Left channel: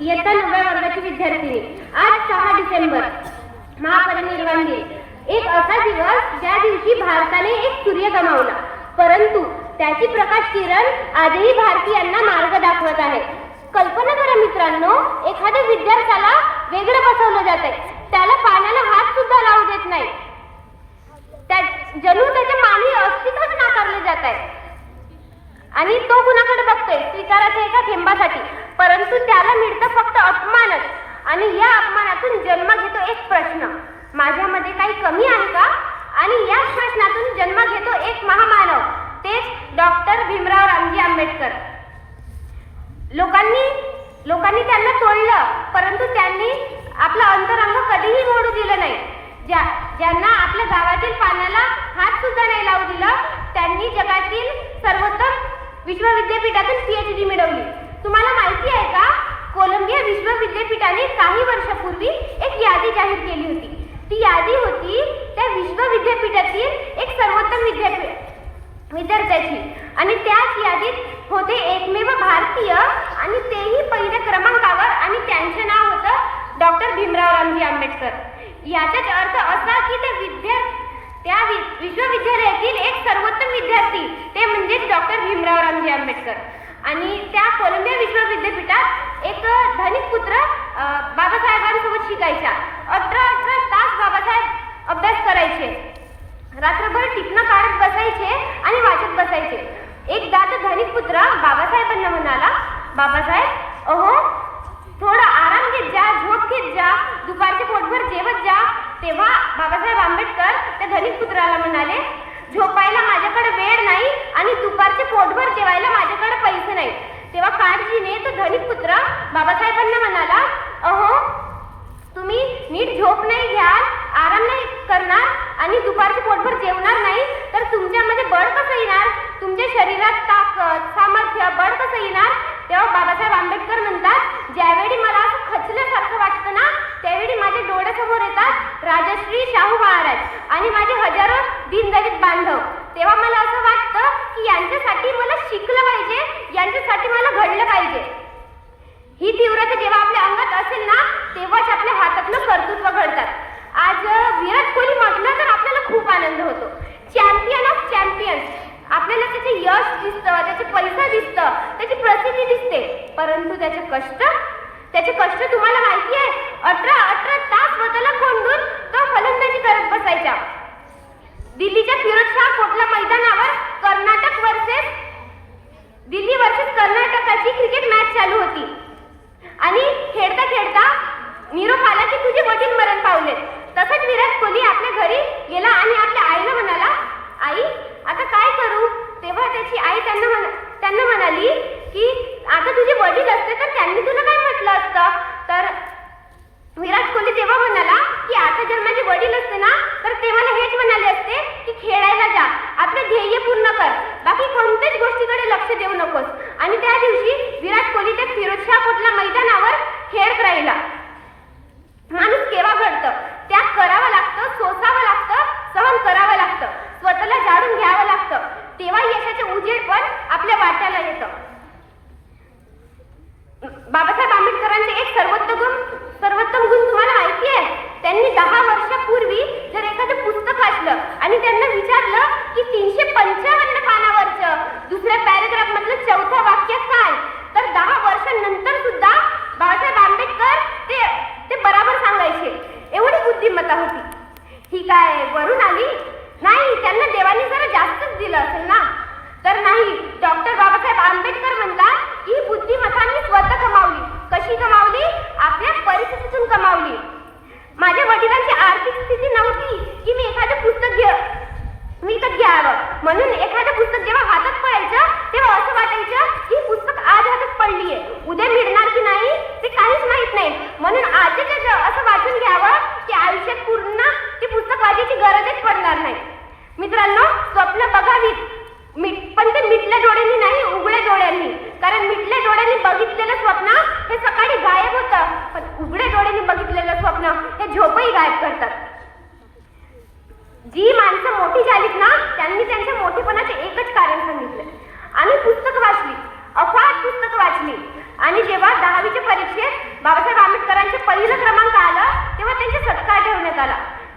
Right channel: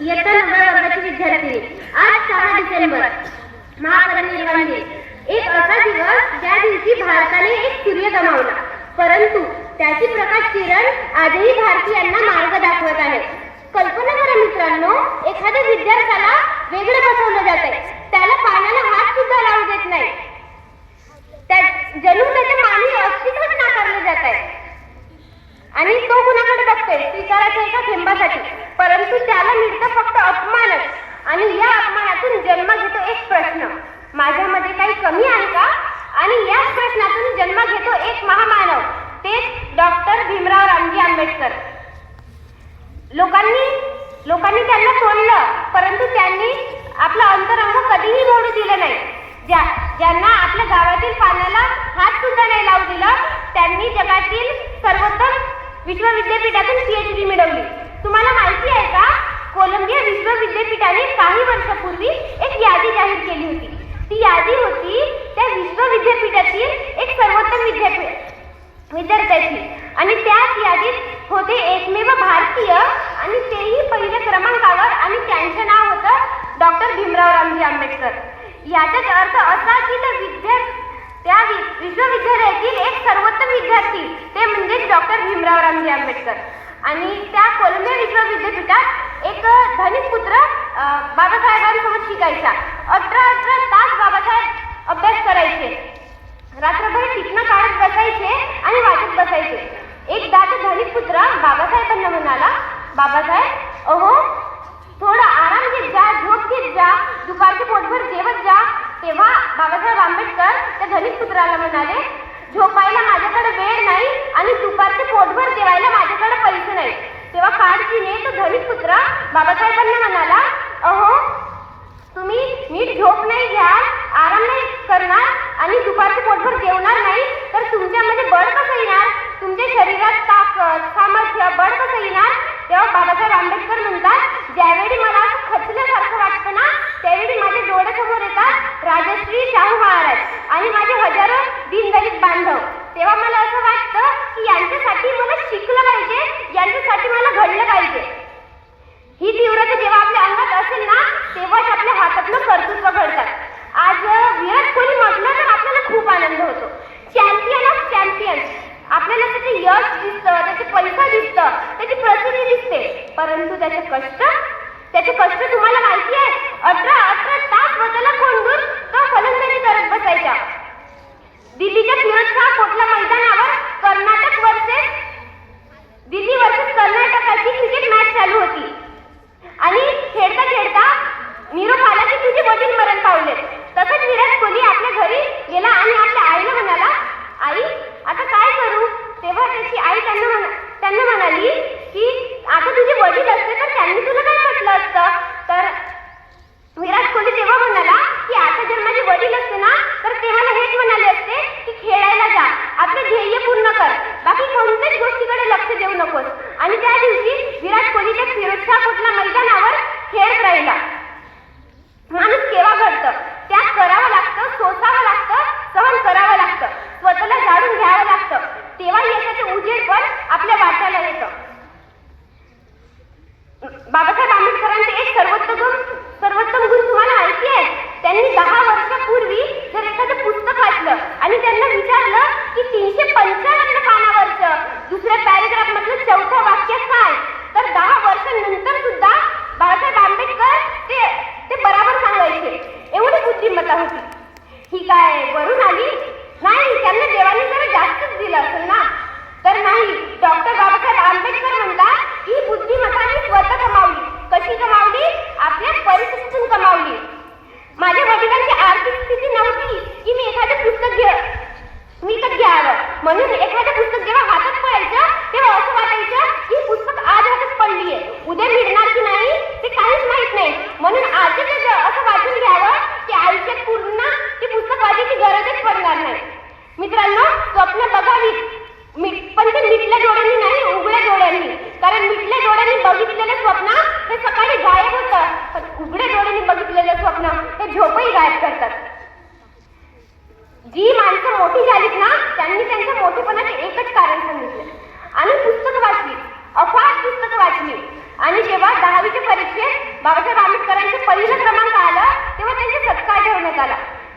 इयत्ता 9व्या वर्गाची विद्यार्थिनी. आज 6 डिसेंबर महापरिनिर्वाण दिन. एक असा दिवस ज्या दिवशी भारताने एक सूर्य गमावला, परंतु त्याची प्रकाश किरण आजही भारतीयांना मार्ग दाखवत आहे. कल्पना करा मित्रांनो, एखाद्या विद्यार्थ्याला वेगळं बसवलं जात आहे, त्याला पाण्याला हात सुद्धा लावू देत नाही, जणू त्याच्या मानवी अस्तित्वच नाकारले जात आहे. आणि तो कुणाकडे बघतोय? स्वीकाराच्या एका थेंबासाठी, परंतु त्याला मिळतं फक्त अपमानच. आणि या अपमानातून जन्म घेतो एक प्रश्न, माझ्यामध्ये काही कमी आहे का? आणि याच प्रश्नातून जन्म घेतो एक महामानव, तेच डॉक्टर भीमराव रामजी आंबेडकर. लोकांनी त्यांना तोडलं, परंतु त्यांनी आपलं अंतरंग कधीही मोडू दिलं नाही. ज्यांना आपल्या गावातील पाण्याला हात सुद्धा नाही लावू दिलं, त्यांनी जगातील सर्वोत्तम विश्वविद्यापीठातून PhD मिळवली. तुम्हाला माहिती आहे का, कोलंबिया विश्वविद्यापीठाने काही वर्षापूर्वी एक यादी जाहीर केली होती. ती यादी होती त्या विश्वविद्यापीठातील एक सर्वोत्तम विद्यार्थ्याची, आणि त्याच यादीत होते एकमेव भारतीय, आणि तेही पहिल्या क्रमांकावर, आणि त्यांचे नाव होतं डॉक्टर भीमराव रामजी आंबेडकर. याचाच अर्थ असा की त्या विश्वविद्यालयातील एक सर्वोत्तम विद्यार्थी, ते म्हणजे डॉक्टर भीमराव रामजी आंबेडकर. आणि त्या कोलंबिया विश्वविद्यापीठात एक धनिक पुत्र बाबासाहेबांसोबत शिकायचा. 18 तास बाबासाहेब अभ्यास करायचे, रात्रभर टिपणं काढत बसायचे आणि वाचत बसायचे. एकदा तो धनिक पुत्र बाबासाहेबांना म्हणाला, बाबासाहेब, अहो थोडा आराम घेत जा, झोप घेत जा, दुपारचे पोटभर जेवत जा. तेव्हा बाबासाहेब आंबेडकर त्या धनिक पुत्राला म्हणाले, झोपायला माझ्याकडे वेळ नाही आणि दुपारचे पोटभर जेवायला माझ्याकडे पैसे नाही. तेव्हा काळजीने तो धनिक पुत्र बाबासाहेबांना म्हणाला, अहो तुम्ही नीट झोप नाही घ्याल, आराम नाही करणार आणि दुपारचे पोटभर जेवणार नाही, तर तुमच्यामध्ये बळ कसं येणार? तुमच्या शरीरात ताकद, सामर्थ्य, बळ कसं येणार? तेव्हा बाबासाहेब आंबेडकर म्हणतात, ज्यावेळी मला असं खचल्यासारखं वाटतं ना, त्यावेळी माझ्या डोळ्यासमोर येतात राजश्री शाहू महाराज आणि माझे हजारो दीनदलित बांधव. तेव्हा मला असं वाटतं की यांच्यासाठी मला शिकलं पाहिजे, यांच्यासाठी मला घडलं पाहिजे. ही तीव्रता जेव्हा आपल्या अंगात असेल ना, तेव्हाच आपल्या हातातलं कर्तृत्व घडतात. आज विराट कोहली म्हटलं तर आपल्याला खूप आनंद होतो. Champion of champions. आपल्याला त्याचे यश दिसतं, त्याचे पैसा दिसतं, त्याची प्रसिद्धी दिसते, परंतु त्याचे कष्ट तुम्हाला माहिती आहे? 18 तास स्वतःला कोंडून तो फलंदाजी करत बसायचा. दिल्लीच्या फिरोजशाह कोटला मैदानावर दिल्ली वर्सेस कर्नाटकाची क्रिकेट मॅच चालू होती, आणि खेळता खेळता निरोप आला की तुझे वडील मरण पावले. तसंच विराट कोहली आपल्या घरी गेला आणि आपल्या आईला म्हणाला, आई आता काय करू? तेव्हा त्याची आई त्यांना म्हणाली की आता तुझे वडील असते तर त्यांनी तुला काय म्हटलं असतं? तर विराट कोहली तेव्हा म्हणाला की आता जर माझे वडील असते ना, तर ते मला हेच म्हणाले असते की खेळायला जा, आपले ध्येय पूर्ण कर, बाकी कोणत्याच गोष्टीकडे लक्ष देऊ नकोस. आणि त्या दिवशी विराट कोहली त्या फिरोजशाह कोटला मैदानावर खेळत राहिला. माणूस केव्हा घडतं? त्याग करावं लागतं, सोसावं लागतं, सहन करावं लागतं, स्वतःला जाणून घ्यावं लागतं, तेव्हा यशाचे उजेड पण आपल्या वाट्याला येतं. बाबासाहेब आंबेडकरांचे एक सर्वोत्तम गुण तुम्हाला माहिती आहे? त्यांनी 10 वर्षापूर्वी जर एखादं पुस्तक वाचलं आणि त्यांना विचारलं की 355 पानावरचं दुसऱ्या पॅरेग्राफ मधलं चौथं वाक्य काय, तर 10 वर्षांनंतर सुद्धा बाबासाहेब आंबेडकर ते बरोबर सांगायचे. एवढी बुद्धिमत्ता होती. ही काय वरून आली? नाही, त्यांना देवाने जरा जास्तच दिलं असेल ना. तर नाही, डॉक्टर बाबासाहेब आंबेडकर म्हणतात की बुद्धिमत्ता मी स्वतः कमावली. कशी कमावली? आपल्या परिस्थितीतून कमावली. माझ्या वडिलांची आर्थिक स्थिती नव्हती की मी एखादं पुस्तक विकत घ्यावं, म्हणून एखादं पुस्तक जेव्हा हातात पडायचं तेव्हा असं वाटायचं की पुस्तक आज हातात पडलीये, उद्या मिळणार की नाही ते काहीच माहित नाही, म्हणून आजच असं वाचून घ्यावं की आयुष्यात पूर्ण ते पुस्तक वाचायची गरजच पडणार नाही. मित्रांनो, स्वप्न बघावीत, पण ते मिटल्या डोळ्यांनी नाही, उघड्या डोळ्यांनी. कारण मिटल्या डोळ्यांनी बघितलेलं स्वप्न हे सकाळी गायब होतं, पण उघड्या डोळ्यांनी बघितलेलं स्वप्न हे झोपही गायब करतात. जी माणसं मोठी झालीत ना, त्यांनी त्यांच्या मोठेपणाचे एकच कारण सांगितले, आम्ही पुस्तक वाचली, अफाट पुस्तकं वाचली आणि जेव्हा 10वीच्या परीक्षेत बाबासाहेब आंबेडकरांचे पहिला क्रमांक आला तेव्हा त्यांचा सत्कार ठेवण्यात आला.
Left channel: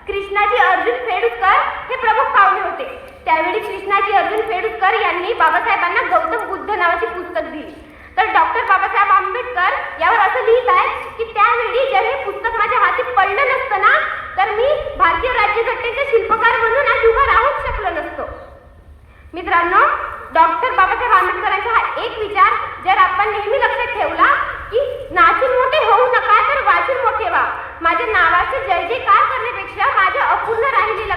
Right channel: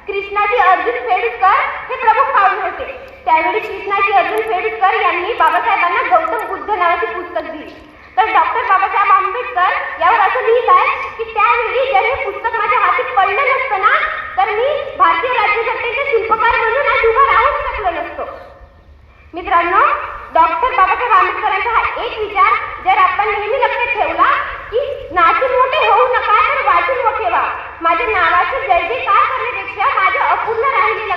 कृष्णाजी अर्जुन फेडुकर हे प्रमुख पाहुणे होते. त्यावेळी कृष्णाजी अर्जुन फेडुकर यांनी बाबासाहेबांना गौतम बुद्ध नावाची पुस्तक दिली. तर डॉक्टर बाबासाहेब आंबेडकर यावर असं लिहित आहे की त्यावेळी जर हे पुस्तक माझ्या हाती पडलं नसतं ना तर मी भारतीय राज्यघटनेचे शिल्पकार म्हणून आज उभा राहूच शकलो नसतो. मित्रांनो, डॉक्टर बाबासाहेब आंबेडकरांचा हा एक विचार जर आपण नेहमी लक्षात ठेवला की नाचून मोठे होऊ नका तर वाचून मोठे व्हा. माझ्या नावाचं जय जयकार करण्यापेक्षा माझ्या अपूर्ण राहिलेलं